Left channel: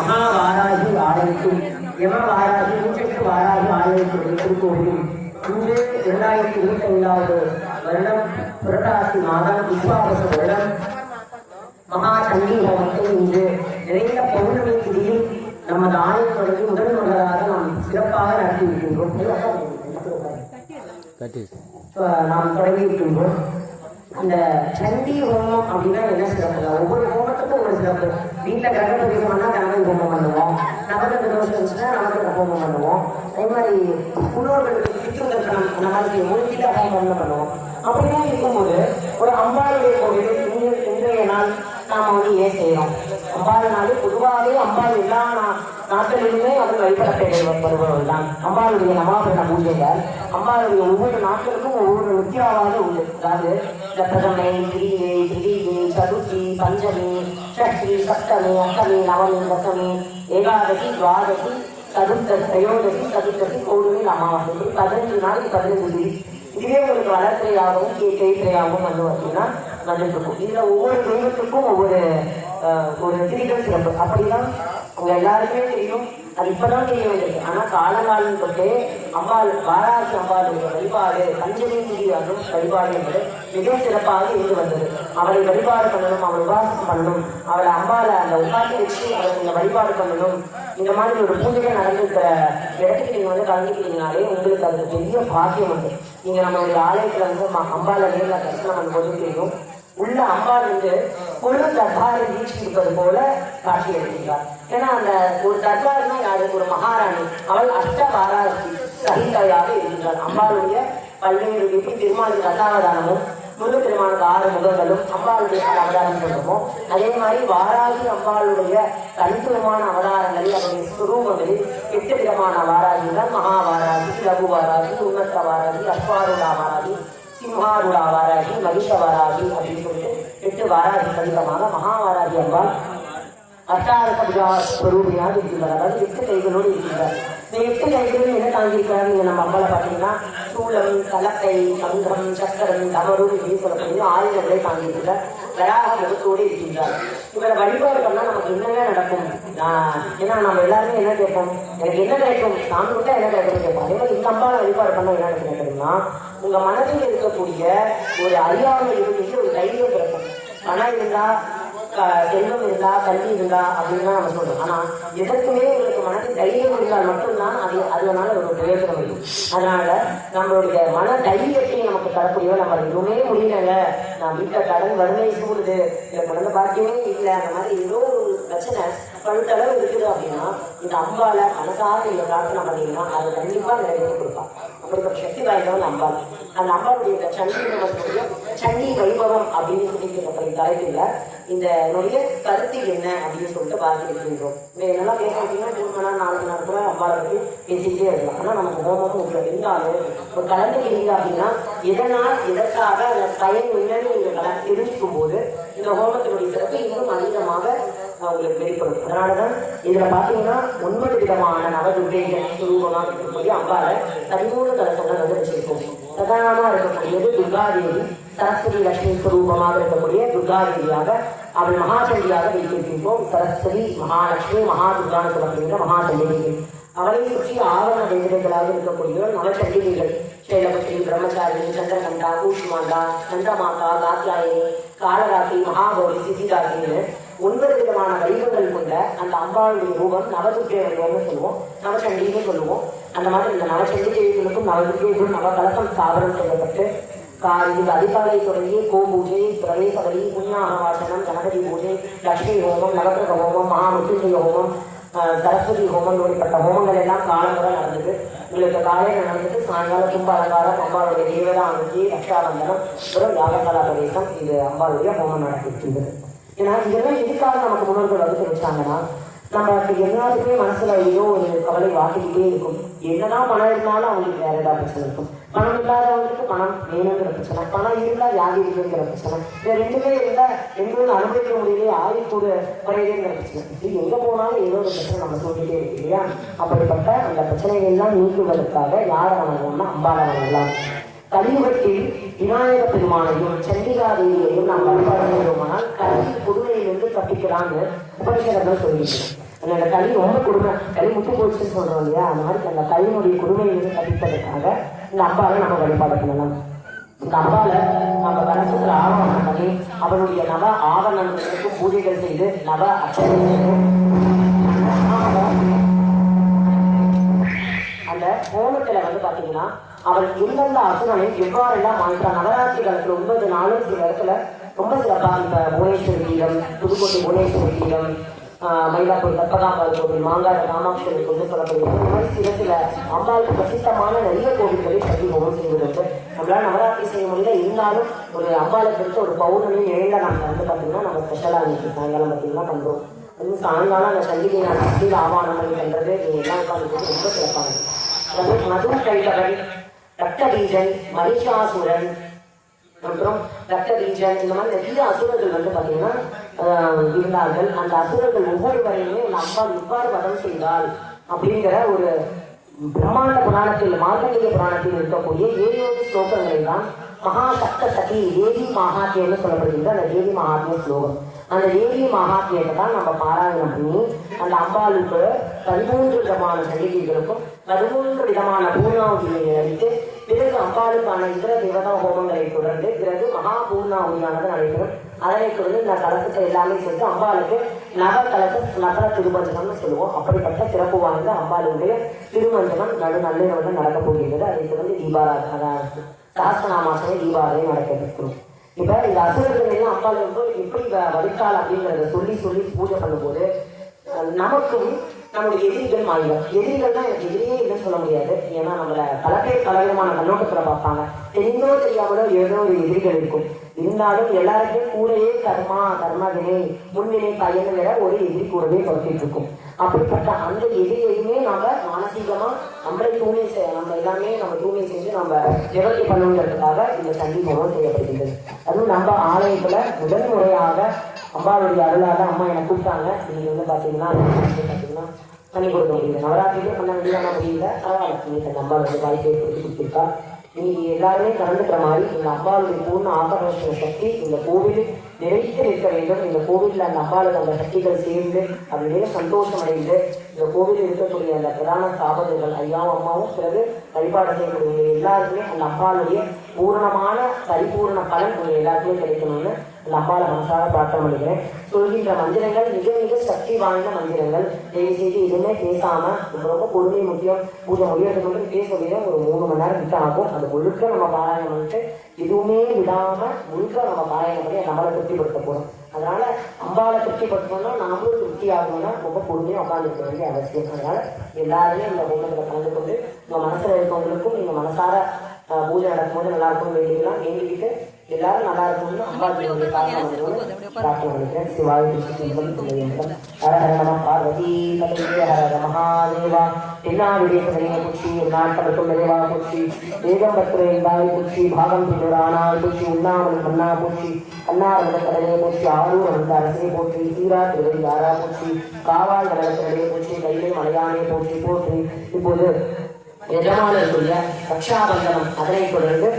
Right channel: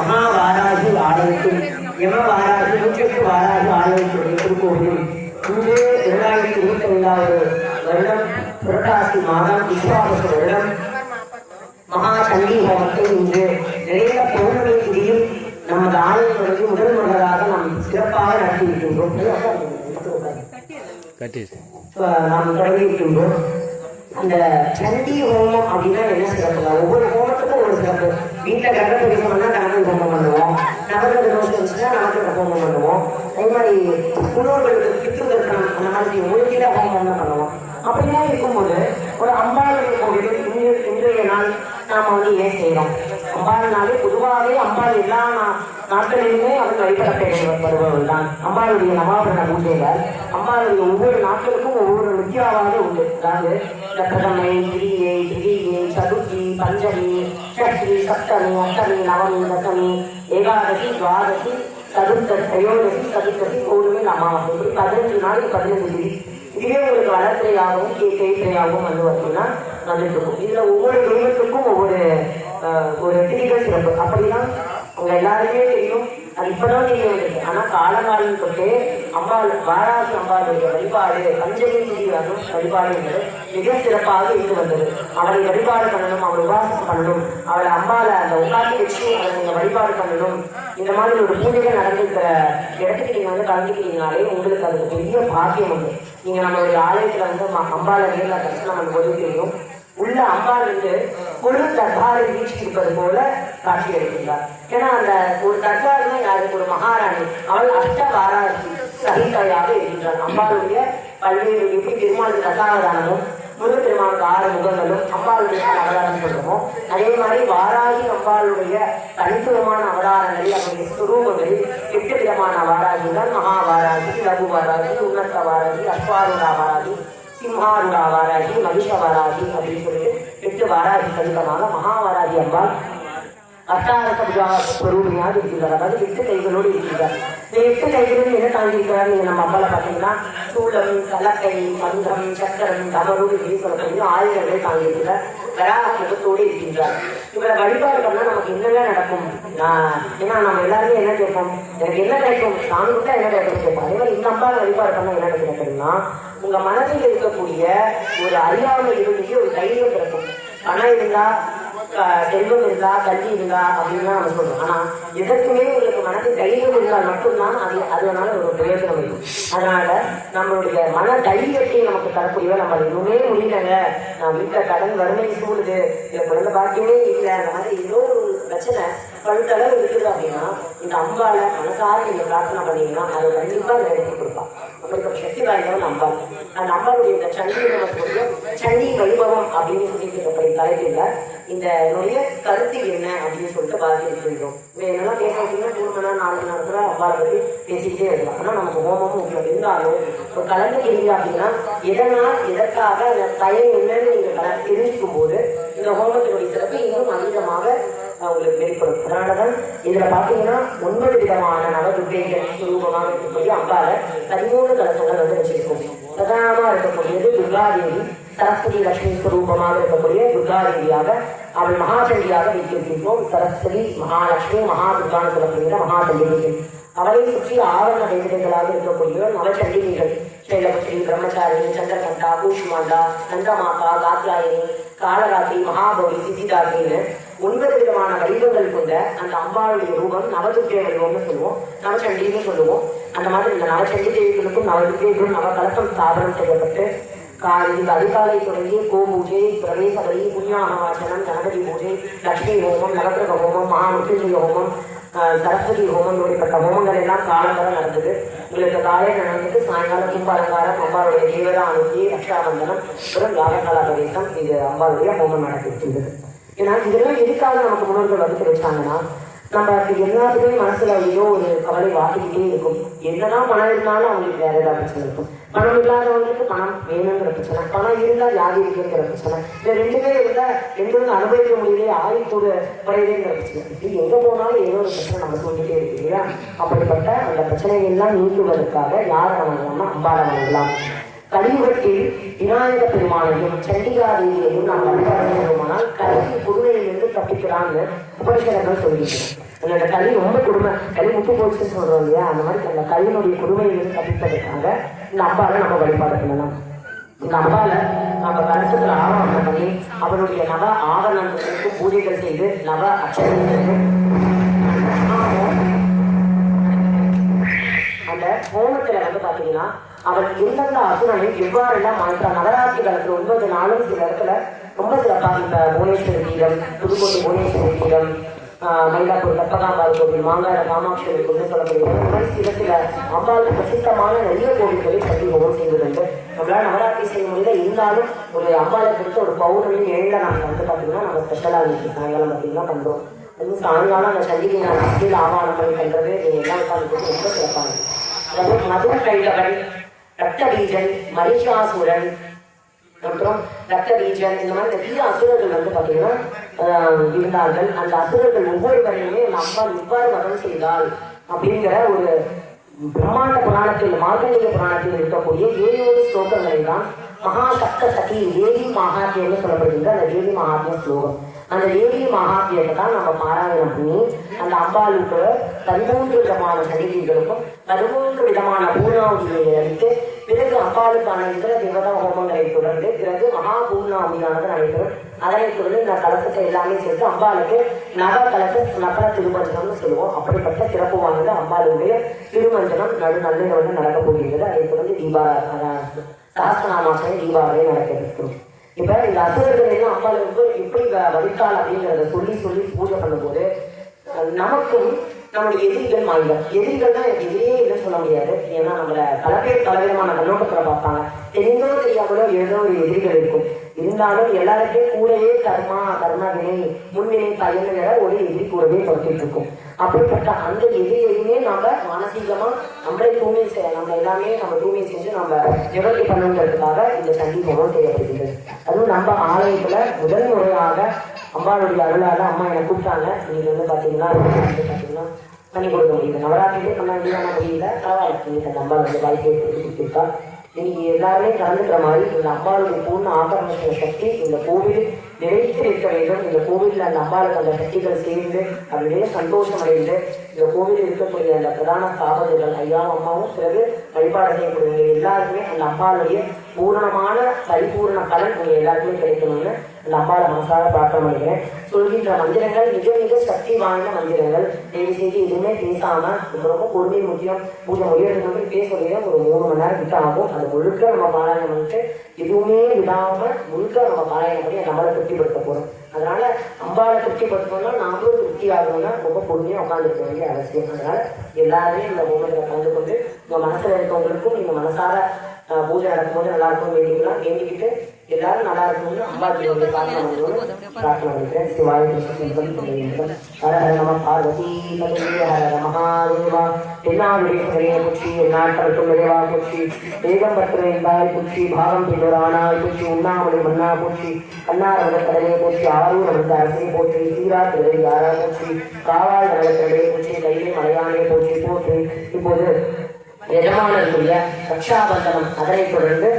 மகாவாராகி ஆலயத்தில் யமவாராகி நூற்றெட்டு வாராகி ஆலயத்துடைய திருக்கோவில் இன்று இரண்டாயிரத்தி இருபத்தி ஐந்தாவது வருடம் புரட்டாசி மாதம் விஸ்வாபச வருடம் மகா சண்டி ஹோமத்தை இன்று நிறைந்த பௌர்ணமி திதியில் நமது ஆலயத்திற்கு முதல் முதலாக நாம் சிறப்பாக அஹ் நாம் தொடங்கி இருக்கின்றோம் அந்த சண்டி ஹோமம் அப்படின்னா என்ன சிறப்பு? ஒவ்வொரு ஹோமத்துக்கும் ஒரு வீட்டில் வீட்டுல கர்ப்ப பண்ணா கணக்கு ஹோமம் பண்ணுவோம். நவகிரக தோஷம் இருந்துச்சுன்னா நவகிரக ஹோமம் பண்ணுவோம். அதே மாதிரி முன்னோர்களுக்கு பித்ருதர்ப்பணம் அந்த மாதிரி மூழ்கில ஹோமம்னு பண்ணுவோம். அப்படிலாம் இருக்கும்போது ஒரு அம்பாளுடைய கோவில் இன்று இன்றைய நாள் நாம் வந்து ஏன் செய்யறோம். அம்பாள்னாலே பொதுவாகவே அம்பாள் எல்லா நாட்களிலுமே வந்து வழிபடப்படுகிறது தான் அம்பாளுடைய நவாபரண பூஜையில அம்பாளுடைய ஒவ்வொரு நாட்களுக்கும் ஒவ்வொரு முக்கியமானது உண்டு. அதாவது சதுர்த்த திரையோதசி சதுர்த்தசி கோடுமை அமாவாசை பதினஞ்சு நாளைக்கு பதினஞ்சு திதி இதுவே ஒரு வளர்த்தையாகவும் கேட்கையாகவும் வந்து அப்படின்னா வந்துருக்கும் இதுல ஒவ்வொரு தெய்வத்துக்கும் ஒவ்வொரு ஒரு திதிகள் சிறப்பு அப்படின்னா உங்க எல்லாருமே தெரியும் அது இப்பதான் தெரிய வந்தது ஆனா காலகாலம் தொட்டே அம்பாள் வாராசி அம்பாளுடைய வழிபாடு அஞ்சலி திதி வரும் வழிபாடு என்பது மிக சிறப்பாக இருந்து வந்தது. அவளை வழிபாடு பண்ணணும் அவள் உபாசம் பண்ணணும் அவளை அம்மாவை அந்த உட்காந்து வச்சு அவளை வழிபாடு பண்ணணும். இந்த மாதிரி ஒரு பூஜைகள் நடந்துக்கிற இடத்துக்கு நீங்க வந்து கலந்துக்கிட்டீங்கனாலே உங்களுக்கு அது பெரிய பாக்கியம் உண்டு. நீங்க நம்மளுடைய ஆலயத்துல வந்து அம்மா- அம்பாளை தரிசனம் பண்ணும்போது தெரியும் உள்ள அம்பாள் வந்து கொழு தர்பாரை வீழ்ச்சிருப்பது போல காட்சி அளிக்கிறார் ஏன்னா அந்த ஒரு தர்பாருமே யாருக்கு ஒரு மகாராணி. அவள் அஷ்ட பாராட்சி சகிதையாக இருக்கின்றார் அம்பாளுடைய பல்வேறு எப்படி பெருமாளுக்கு ரசாவதானமும் முருகப்பெருமானுக்கு ஆறு முகங்களும் அம்பாளுடைய அவதாரம் சொல்லுவோம் அதே மாதிரி வாராகி அம்பாளுடைய தனித்துவமான அவதாரங்களை அவருடைய சுரூபங்களில் எட்டு விதமான வாராகிகள் மகாவாராகி லகு வாராகி உன்னத்த வாராகி அஸ்வாரூரா வாராகி சிம்ஹாரூரா வாராகி அப்படின்னு சொல்லிட்டு எட்டு வராதி சகிதமாக மகாவாராகி அம்பாள் அட்டாரசரியாக இருக்கிறார். அதாவது எட்டு கைகளோடு இருக்கிறார். இந்த எட்டு கைகளும் என்ன தாங்கியிருக்கிறார்? நீங்க நம்ம அம்மால பாத்தீங்கன்னா சூளம் கலப்பை சங்கம் சக்கரம் தவறு இப்படின்னு சொல்லக்கூடிய ஆயுதங்களை தாங்கியிருக்கிறார். வராக முகத்தோடு இருக்கின்றார் இவரை வழிபாடு பண்ணா நமக்கு என்னென்ன நடக்கும்? ஏன்னா நம்ம எல்லாருமே என்ன கேட்போம்? எனக்கு என்ன கிடைக்கும்? சாமி கூட என்ன கிடைக்கும்? கேட்போம் அதே மாதிரி இந்த அம்மாவை வழிபாடு பண்ண என்ன கிடைக்கும்னா உங்க மனதில் இருக்கக்கூடிய ஒரு அறியாமல் இருந்துட்டு ஒரு தைரியம் பிறக்கும் பணம் இருந்தா ஆஹ் செல்வம் இருந்தா கல்வி இருந்தா அப்படின்னு தான் நம்ம சொல்றோம். ஆனா எதற்குமே உங்களுக்கு மனதில் தைரியம் இருந்தால் மட்டும்தான் அது அதனால ஒரு பிரயோஜனம் இல்லை அதனால நம்மளுடைய மன தைரியத்தை நமக்கு தரக்கூடிய நம்ம எதுவுமே முடியல நான் வீட்டுல கடன் வறுமை சூடுது. இந்த குழந்தை பார்க்கவே இல்லை. அந்த மாதிரி ஏதோ ஒரு பிரச்சனை பழுத்தளவு இருக்குது அப்படின்னா இந்த அம்பால மனசார நீங்க பிரார்த்தனை பண்ணீங்கன்னா அது கண்டிப்பா நிறைவேற்றி கொடுப்பான் ரொம்ப சக்தி வாய்ந்தவன் அம்பாள் அந்த அம்பாளுடைய இந்த சண்டி சண்டி வைபவம் அப்படின்னு சொல்லிட்டு தலைப்பில் இந்த நுழைய கருத்து என்ன அப்படின்னு சொல்லிட்டு பார்த்துருக்கின்றோம் என்னெல்லாம் பேசுறதுன்னா மூணு மணி நேரம் நாலு மணி கூட அம்பாள் பற்றி பேசிக்கிட்டே இருக்கலாம். ஆனால் நமக்கு ஹோமம் உங்களுக்கு இருந்தாலும் ஒரு கலந்துக்கிறீங்க அப்படின்னா எதனால் எதற்காக அந்த பயன் என்னன்னு நீங்கள் கல- தெரிஞ்சுக்கும் போது இந்த ஹோமத்தினுடைய சிறப்பு இன்னும் அதிகமாக உங்களுக்கு வெளிப்படும் அதனாலதான் இதுல பாத்தீங்கன்னா ஒன்பது விதமான நவதுர்கைகள் சுரூபமாக இருக்கக்கூடிய அம்பால பதிமூணு கலசங்கள் வந்து வச்சிருக்கோம். பிரதானமா இருக்கக்கூடியது துர்காதேவி சரஸ்வதி லட்சுமி சுரூபமாக இருக்கக்கூடிய துர்காதேவியாக அவள் மகாச்சண்டியாக வைத்திருக்கின்றோம். சரஸ்வதி மகாலட்சுமி மகாதுர்கான்னு சொல்லப்படுகிற மகாச்சண்டிகைகள் அவளை சுற்றி ஆவரண தேவதைகளாக இருக்கக்கூடிய நவச்சண்டிகைகள் சைலபுரி பிரம்மச்சாரிணி சந்திரகண்டா கூஷ்மாண்டா சந்திரமாதா காத்யாயினி காலராத்திரி மகாபலி சித்திதாத்திரின்னு ஒன்பது விதமான வடிவங்கள் கொண்ட அந்த அம்பாளுடைய ரூபம் நவதுர்க்கை வடிவம்னு சொல்லுவோம். நவச்சண்டின்னு சொல்லுவோம். அந்த மாதிரி இந்த நவச்சண்டி தேவிகளுக்கும் நவதுர்க்கைகளும் நவகலசம் ஸ்தாபனம் செய்யப்பட்டு கா- இது அதிகாலை தொடங்கி கோ பூஜை பிரவேசவரி புண்ணியாகவாச்சனம் கணபதி பூஜை லட்சுமி ஹோமம் நவகிரக ஹோமம் மகாமுத்துஜி ஹோமம் சரஸ்வதி ஹோமம் இப்படிப்பட்ட ஹோமங்கள் எல்லாம் காலங்களாக நடந்தது. உங்களுக்கு காலையில் நடந்தது சாயங்காலம் கும்பாலங்காரம் அம்பாளுடைய தீவிரம் அனுப்பி ரக்ஷாபந்தனம் வெறும் யாகசாலா பிரதேசம் இது அம்பாளுடைய ஹோமம் நடத்திட்டு இருந்தது ஏன்னா இதெல்லாம் எதுக்காக நமக்கு முன்னோர்கள் வந்து கிடைச்சாங்கன்னா நமக்கு எல்லாத்துக்குமே மனசுல ஏதோ ஒரு கவலை வாட்டிக்கிட்டே இருக்கும். என்னதான் பணம் இருந்தாலும் அவங்களுக்கு வேற ஏதாவது பிரச்சனை இருக்கும். பணம் இல்லாதவங்களுக்கு பணம் வேணுங்கிற பிரச்சனை. பணம் இருந்தா யாரு இருக்குங்கிற பிரச்சனை? இந்த ரெண்டுமே இருந்தா ரெண்டும் அனுபவிக்க முடியல ஆயுத்தோட குறையுதுங்கிற பிரச்சனை. இது எங்க போனாலும் ஏதோ ஒரு பிரச்சனை நம்ம சொல்லிட்டே இருக்கு இல்லையா? அப்படிப்பட்ட அந்த பிரச்சனைகள் எல்லாம் நீக்குவதற்காக யாரை வணங்கணும்னா அம்பாளை வணங்கலாம். கலியுகத்தில் விநாயக பெருமானையும் சண்டிகா தேவியையும் நாம் வழிபாடு செய்வோமானால் புதுவையிலிருந்து தப்பிக்கிறான்னு உபரிஷதங்கள் சொல்லிட்டு. அந்த ரொம்ப கொடுமை. களி முட்டு போச்சுன்னு சொல்றோம் இல்லையா? அந்த மாதிரி அந்த களியினுடைய கொடுமையிலிருந்து தப்பிப்பதற்காக இந்த நம்ம வழிபாடு பண்ணலாம். இந்த அம்பாவை நம்ம மனசுல ஆவணம் பண்ணி அவருடைய நவ ஆவணங்களுக்கு பூஜைகள் செய்து நவ அச்சனை அந்த வந்து பாத்தீங்கன்னா அவர் இருந்த அசுரனை எவ்வாறு எல்லாம் அமைத்தார் ஒன்பது நாளும் சில இடத்துல ரொம்ப சிறப்பாக இந்த புவனேஸ்வரி கீழம் புதுக்கோட்டை புவனேஸ்வரி கீழம் ஆஹ் மயிலாப்பூர் கப்பகாம்பாள் கோவில் மாங்காடு காமாட்சி கோவில் சொல்லக்கூடிய சில சில அம்பாளுக்கு பிரசித்தமான நிறைய கோவில்களை பற்றி ஒவ்வொரு செய்திருந்து நம்மளால நவராத்திரி செய்ய முடியல இருந்தாலும் ஒரு அம்பாளுக்கு இருக்க ஒரு பௌர்ணமி ஏழா நாங்கள் வந்து பார்த்தீங்கன்னா நம்ம ஸ்பெஷலாக இன்னைக்கு சாயங்காலம் பார்த்தீங்கன்னா பண்றோம் அதுவும் சாயங்காலம் அந்த சந்திரியை நான் கீழே ஆவானம் பண்ணி பண்றது நீங்க ரொம்ப சிறப்பாக அதாவது மதுர கைடவன் ரத்த பீஜன் மரிஷாசுரன் அப்புறம் ரத்த பீஜன் இந்த மாதிரி நிறைய அசுரர்கள் வந்து பாத்தீங்கன்னா ஆஹ், இருந்தார்கள். அந்த அசுரர்கள் ஒவ்வொருவரையுமே அம்மா இவ்வாறு வரம் செய்தால் அப்படிங்கிற ஒரு பிரம்மாண்ட புராணத்தில் மாங்கலிக புராணத்தில் இருக்கக்கூடிய ஏழு ஸ்லோகங்களை தான் மகாசப்த சதி தேவி மகாத்மியம் சொல்லப்படுகின்ற அந்த தேவி மகாத்மிய ஸ்லோகம். அந்த தேவி மகாத்மியத்தை தான் நம்ம பாராயணம் பண்ணி அந்த அம்பாளுக்கு பதிமூன்று விதமான சன்னிதிகளுக்கும் பதிமூன்று விதமான பூர்ணாவதியை அளித்து பிறகு அம்பாளுக்கான இதர தேவதா ஹோமங்களை தொடர்ந்து பிறகு மகா பூர்ணாவதியானது நடைபெறும். அதனை தொடர்ந்து இந்த கலசத்தை எல்லாமே சேர்த்து அம்பாளுக்கு நக கலச நகர திருமஞ்சனம்னு சொல்லுவோம். அப்படிப்பட்ட சிறப்பு வாய்ந்த அம்பாளுடைய திருமஞ்சனம் நடு நல்லிரவு நடக்க போகிறது அதை தொடர்ந்து தீபா சாஸ்திரநாமாசனை தீபாவளி நடக்கிறது இப்ப இந்த அசுரர்கள் எல்லாம் அம்பாளுக்கு எப்படி வடித்தாள் அப்படிங்கிறத சொல்லி சொல்லி பூஜை பண்ணும்போது நமக்கும் நம்மளுடைய எதிரிகள் மாறிடும் எதிரிகள் தான் எனக்கு எதிரியே இல்லைன்னு சொல்ல முடியாது. ஏன்னா நம்மள பல பேர் பலவிதமான கண்ணோட்டத்துல பார்ப்பாங்க. தெரிஞ்சோ தெரியாமலோ ஏதோ ஒரு எதிரிகள் இருக்கும். இருந்தாலும் எல்லாருக்கும் கூடயே கர்மா கர்மா வினை பயன் வேற ஒரு எதிரி கூடவே தொட்டிட்டு இருக்கும். அப்படிப்பட்ட அந்த எதிரியையுமே நம்ம மானசீகமா நம்மளே தூய்மை செய்ய நம்ம எல்லாமே நம்ம தூய்மை செஞ்சு நம்ம நிவர்த்தி பண்ணுங்கிறதுக்காக இந்த சண்டி செய்யப்படுகிறது அதுவும் நம்ம ஆலயத்துல முதல் முறையாக அம்மாவுடைய அருளாக அம்மா என்னை கூப்பிட்டாங்க. நீங்க வந்து பாத்தீங்கன்னா பண்ணி கொடுக்க முடியல நவராத்திரியே முன்னாடி முடியல பரவாயில்ல இந்த அம்மா வந்து வாழ்க்கையை கொடுத்துருக்கா நீங்க எல்லாருமே கலந்துக்கிற மாதிரி எங்கள் அப்பாவுடைய பூர்ண ஆபரணத்தை சக்தி இந்த கோவில் நிலைத்து இருக்க வேண்டும். இந்த கோவில்ல அந்த அம்பாளுக்கு அந்த சக்திகள் சேர்ந்து அப்படியே சந்தோஷம் அடைந்து இந்த கோவில் இருக்கக்கூடிய அந்த பிரதான ஸ்தாபகர்கள் ஐயா அம்மாவும் பிறகு வழிபாடு செய்யக்கூடிய எல்லாருக்குமே அந்த அம்பாளுடைய பூர்ணமான பரிபூர்ண பலன் உங்க எல்லாருக்குமே கிடைக்கணும்னு அந்த அம்பாளை மனசார பிரார்த்தனை பண்ணிக்கிறேன் சொல்கின்ற மந்திரங்கள் மிக மிக சக்தி வாய்ந்த மந்திரங்கள். தயவு செய்து எதுவுமே பேசாம ரொம்ப பொறுமை முக்கியம். பூஜை முடியறதுக்கு வந்து பேசக்கூடிய ஒரு மூணு மணி நேரம் கிட்ட ஆகும். அது முழுக்க நம்ம பாராயணம் பண்ணிட்டு எதுவுமே விடாம முழுக்க நம்ம பாராயணம் பண்ணி நம்மளை திருப்திப்படுத்த போறோம் அதனால அம்பாவை திருப்திப்படுத்தணும்னா நாமளும் திருப்தி ஆகணும்னா ரொம்ப பொறுமையா உட்காந்துருக்க வேண்டிய அவசியம். அதனால எல்லாருமே இந்த ஹோமத்தில் கலந்து கொண்டு உங்க மனசுல இருக்கவங்களுக்கும் நீங்க மனசார பூஜை நடக்கும்போது நல்லா இருக்கும் வேண்டிக்கலாம் வேண்டிக்கிட்டு எல்லாரும் நல்லா இருக்கணும்னு அம்பாஜியோட பிரார்த்தனை பண்ணிக்கிறேன் சிவாய கிருஷ்ணன் சொல்லுகின்றோம் ஹர ஹர நம பார்வதி பதவி ஹர ஹர மகாதேவா என்னாருடைய கரையை குச்சி எந்நாட்களுக்கும் நிறைவா குச்சி வேகம் பற்று என்றாய் குச்சி பாகம் பின்னரானாய் குச்சி உண்ணாமலை மன்னா குச்சி அன்னாரத கரையை குச்சி ஆரூர் அந்த அரசை போற்றி சீரா திரை யாரா குச்சி காவாய் நலக்கரையை குச்சி கையிலே மலையானே போற்றி போற்றி இப்போது எஜமானருடைய ரக்ஷாபந்தனம் அதனைத் தொடர்ந்து